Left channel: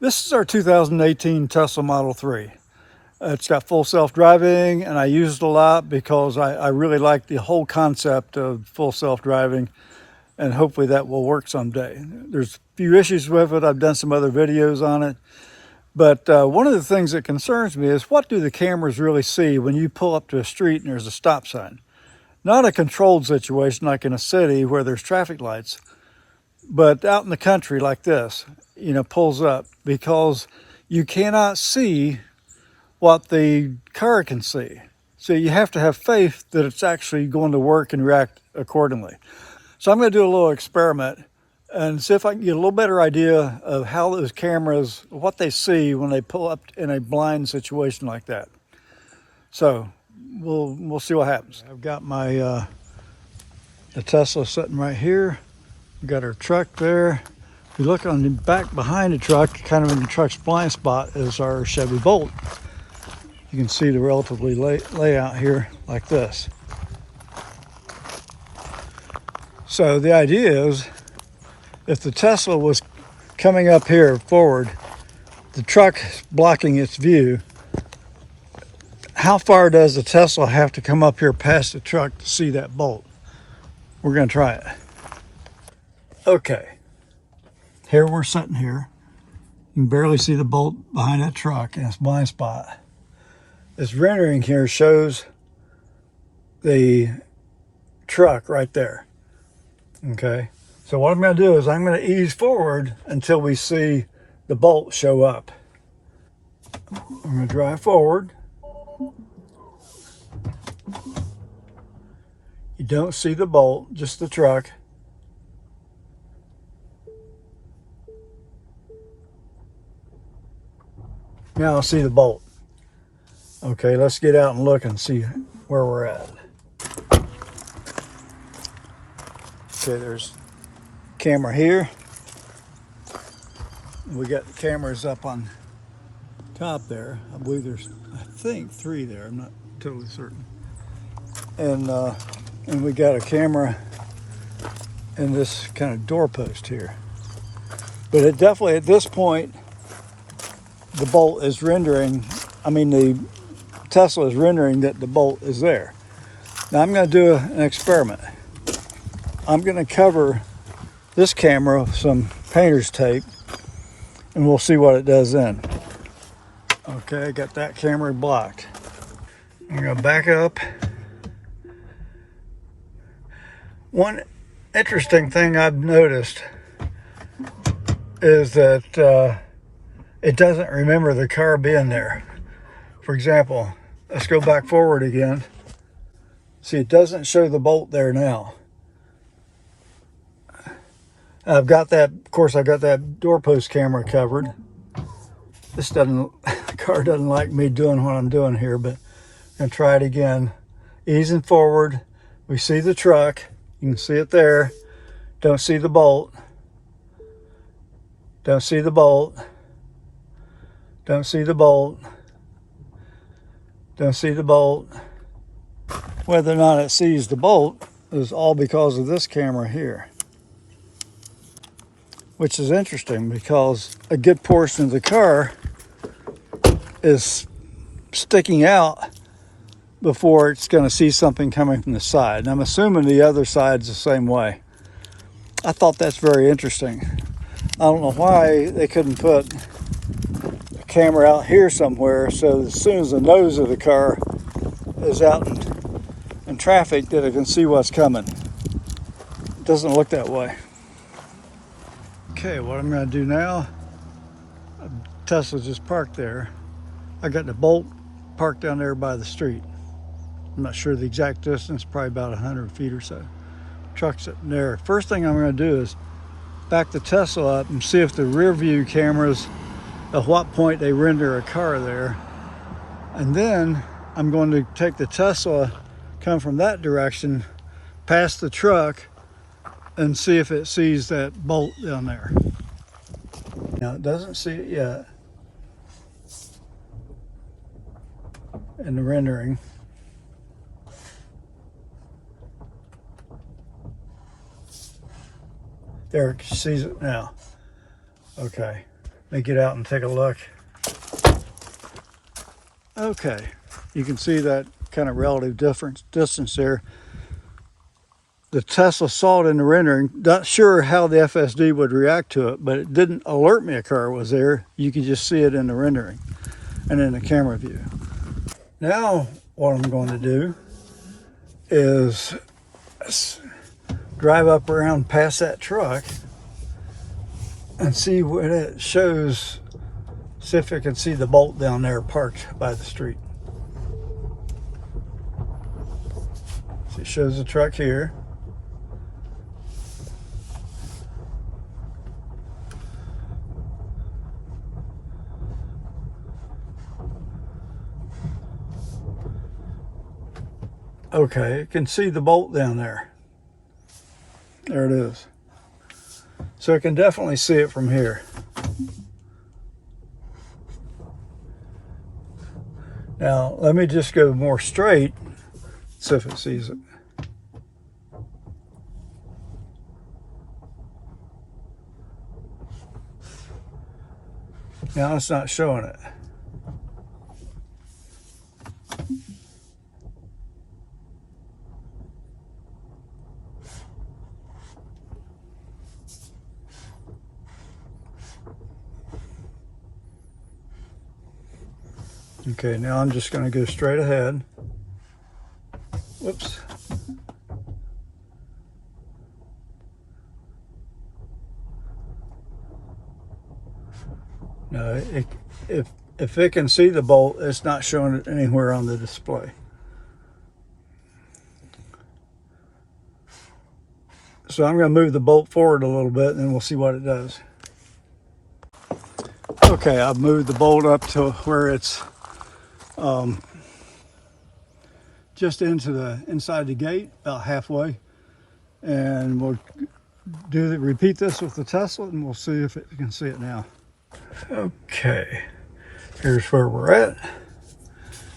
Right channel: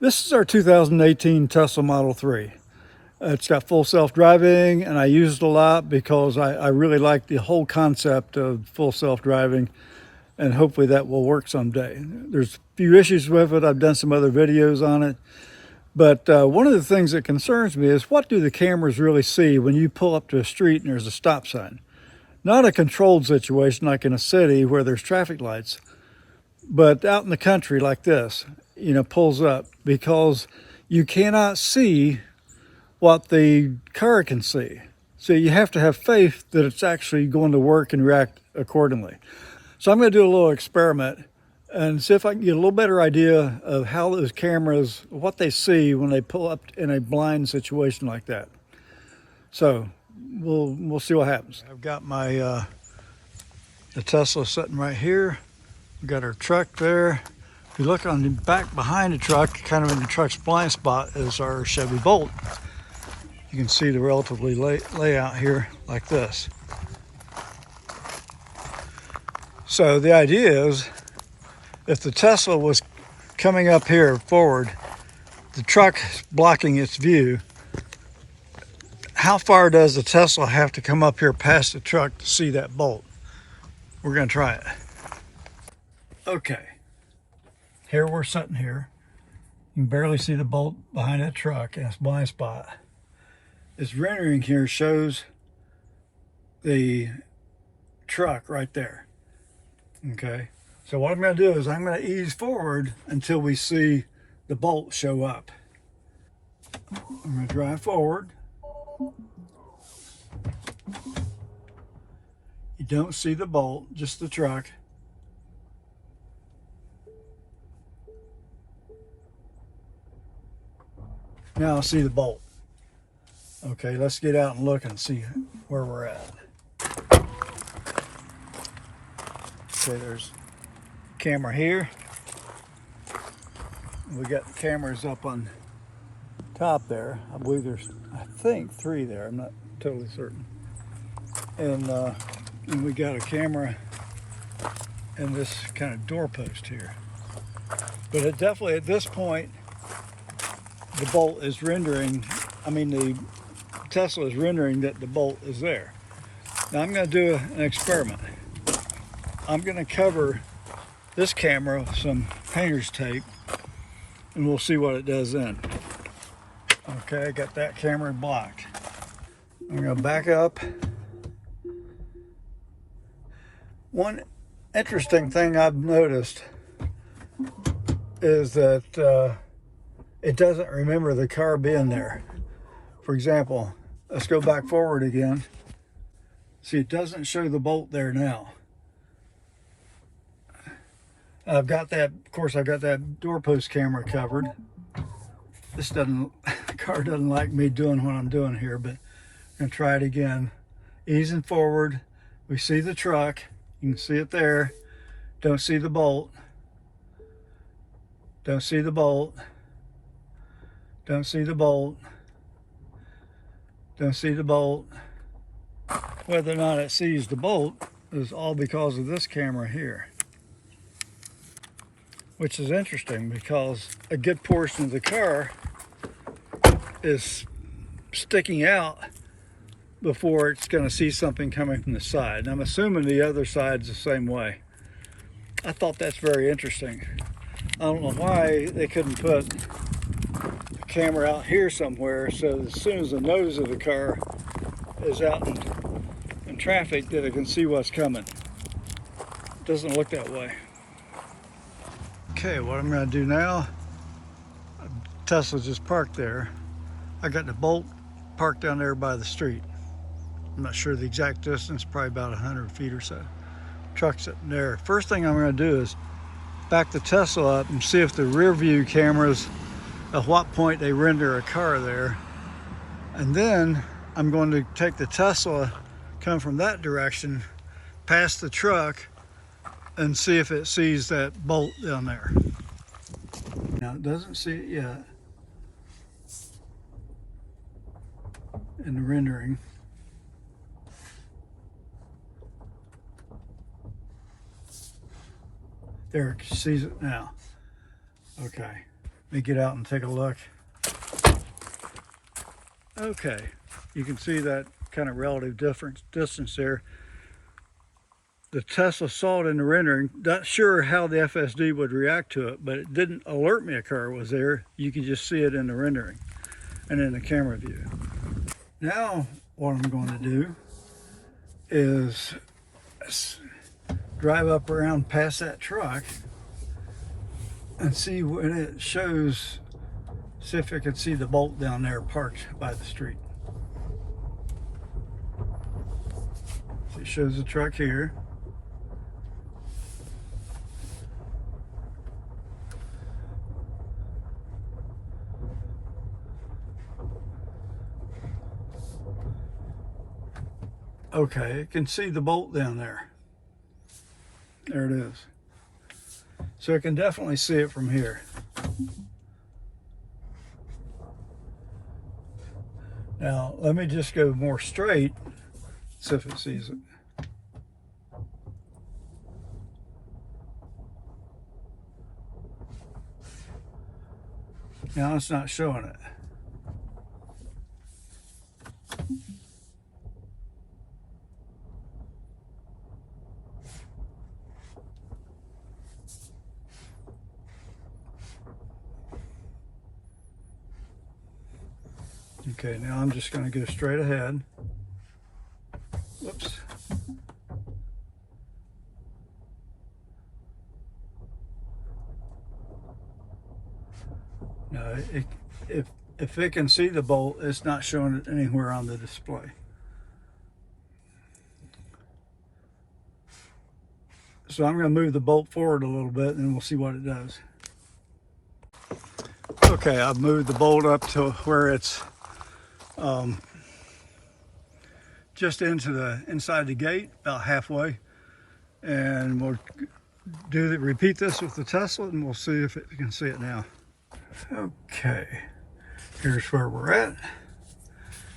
This is our 2018 Tesla Model 3. It's got full self-driving, and I use it a lot because I really like the whole concept of full self-driving, and hopefully that will work someday. There's a few issues with it. I've done some other videos on it. But one of the things that concerns me is, what do the cameras really see when you pull up to a street and there's a stop sign? Not a controlled situation like in a city where there's traffic lights, but out in the country like this, pulls up, because you cannot see what the car can see. So you have to have faith that it's actually going to work and react accordingly. So I'm going to do a little experiment and see if I can get a little better idea of how those cameras, what they see when they pull up in a blind situation like that. So we'll see what happens. I've got my the Tesla sitting right here. We've got our truck there. If you look on the back behind the truck, kind of in the truck's blind spot, is our Chevy Bolt. You can see the relatively layout here like this. So the idea is, if the Tesla was coming up here forward, the truck blocking its view, how far does the Tesla have to come up here past the truck to see that bolt? We're going to try it. Okay, here we're sitting here. You can barely see the bolt behind that truck in its blind spot. This rendering here shows the truck right there. Okay, so what I'm going to do is I'm going to ease forward until we see the bolt show up. I'm going to drive forward. You don't see the bolt, just the truck. Now I'll see the bolt. Okay, let's get out and look and see where we're at. Okay, there's camera here. We got the cameras up on top there. I believe there's, I think, 3 there. I'm not totally certain. And we got a camera in this kind of doorpost here. But it definitely, at this point, the bolt is rendering, the Tesla is rendering that the bolt is there. Now I'm going to do an experiment. I'm going to cover this camera with some painter's tape, and we'll see what it does then. Okay, I got that camera blocked. I'm going to back up. One interesting thing I've noticed is that it doesn't remember the car being there. For example, let's go back forward again. See, it doesn't show the bolt there now. I've got that, of course, I've got that doorpost camera covered. The car doesn't like me doing what I'm doing here, but I'm going to try it again. Easing forward, we see the truck. You can see it there. Don't see the bolt. Don't see the bolt. Don't see the bolt. Don't see the bolt. Whether or not it sees the bolt is all because of this camera here, which is interesting because a good portion of the car is sticking out before it's going to see something coming from the side. And I'm assuming the other side's the same way. I thought that's very interesting. I don't know why they couldn't put a camera out here somewhere so as soon as the nose of the car is out in traffic that it can see what's coming. It doesn't look that way. Okay, what I'm going to do now, Tesla's just parked there. I got the Bolt parked down there by the street. I'm not sure the exact distance, probably about 100 feet or so. Truck's sitting there. First thing I'm going to do is back the Tesla up and see if the rear view cameras, at what point they render a car there. And then I'm going to take the Tesla, come from that direction, past the truck, and see if it sees that bolt down there. Now it doesn't see it yet in the rendering. There, it sees it now. Okay. Let me get out and take a look. Okay, you can see that kind of relative distance there. The Tesla saw it in the rendering. Not sure how the FSD would react to it, but it didn't alert me a car was there. You can just see it in the rendering and in the camera view. Now what I'm going to do is drive up around past that truck and see what it shows. See if I can see the bolt down there parked by the street. So it shows the truck here. Okay, you can see the bolt down there. There it is. So I can definitely see it from here. Now, let me just go more straight, see if it sees it. Now it's not showing it. Okay, now I'm just going to go straight ahead. Whoops. No, if it can see the bolt, it's not showing it anywhere on the display. So I'm going to move the bolt forward a little bit and then we'll see what it does. Okay, I've moved the bolt up to where it's just inside the gate, about halfway, and we'll repeat this with the Tesla, and we'll see if you can see it now. Okay, here's where we're at.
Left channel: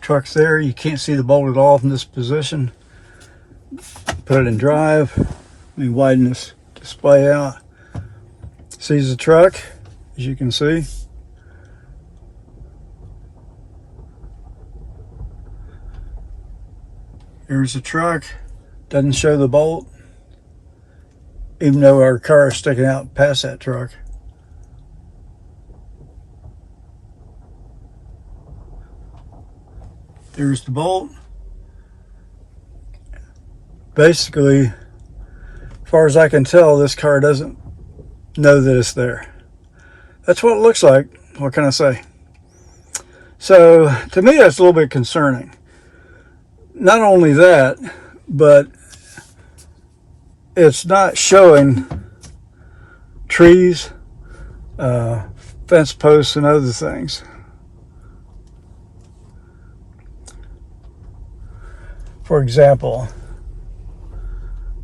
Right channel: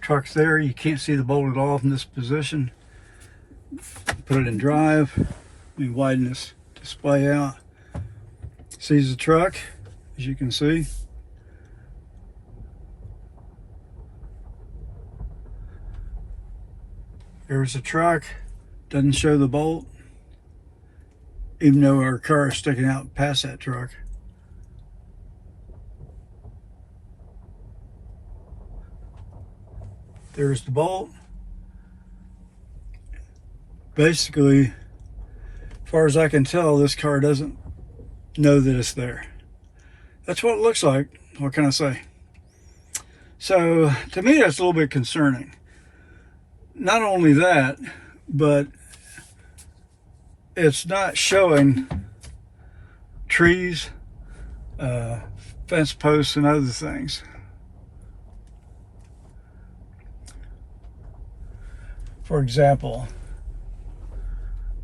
Truck's there. You can't see the bolt at all from this position. Put it in drive. Let me widen this display out. Sees the truck, as you can see. Here's the truck. Doesn't show the bolt, even though our car is sticking out past that truck. There's the bolt. Basically, as far as I can tell, this car doesn't know that it's there. That's what it looks like. What can I say? So, to me, that's a little bit concerning. Not only that, but it's not showing trees, fence posts, and other things. For example,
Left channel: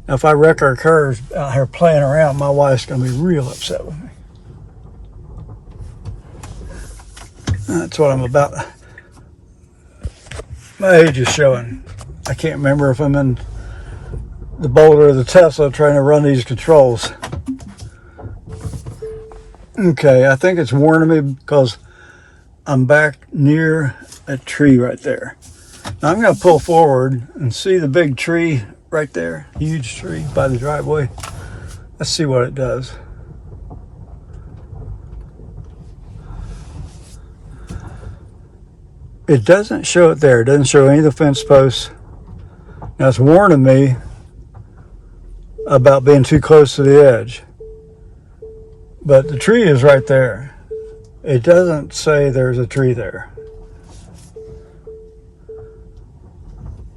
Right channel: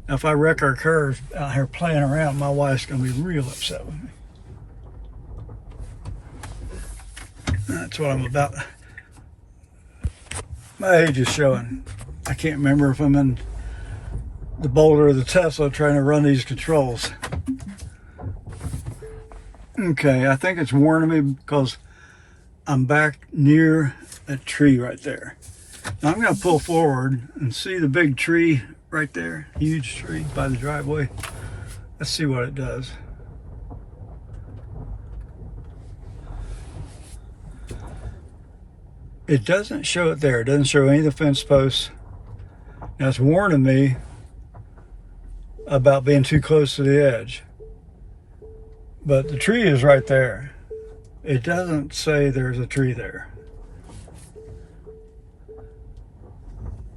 if I wreck our cars out here playing around, my wife's going to be real upset with me. That's what I'm about. My age is showing. I can't remember if I'm in the Bolt or the Tesla trying to run these controls. Okay, I think it's warning me because I'm back near a tree right there. Now I'm going to pull forward and see the big tree right there, huge tree by the driveway. Let's see what it does. It doesn't show it there. It doesn't show any of the fence posts. Now it's warning me about being too close to the edge. But the tree is right there. It doesn't say there's a tree there.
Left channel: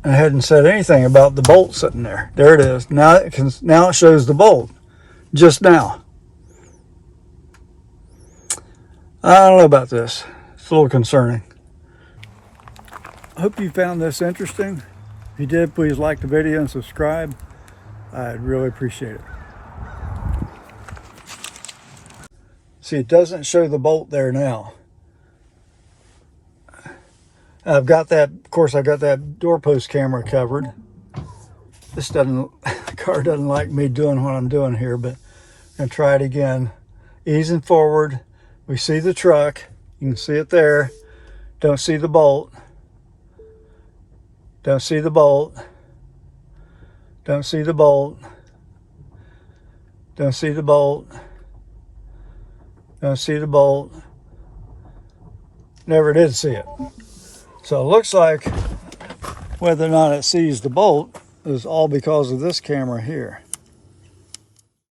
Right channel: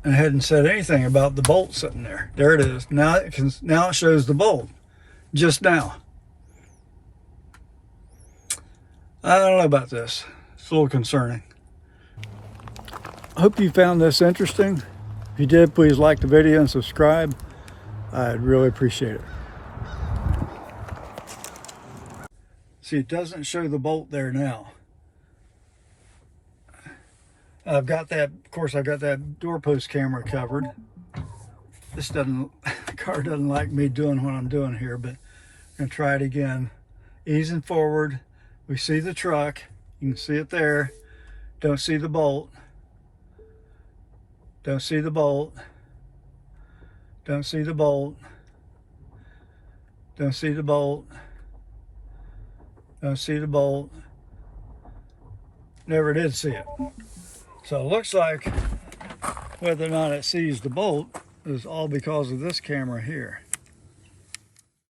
And it hadn't said anything about the bolt sitting there. There it is. Now it shows the bolt. Just now. I don't know about this. It's a little concerning. I hope you found this interesting. If you did, please like the video and subscribe. I'd really appreciate it. See, it doesn't show the bolt there now. I've got that, of course, I got that doorpost camera covered. This the car doesn't like me doing what I'm doing here, but I'm going to try it again. Easing forward, We see the truck. You can see it there. Don't see the bolt. Don't see the bolt. Don't see the bolt. Don't see the bolt. Don't see the bolt. Never did see it. So it looks like whether or not it sees the bolt is all because of this camera here.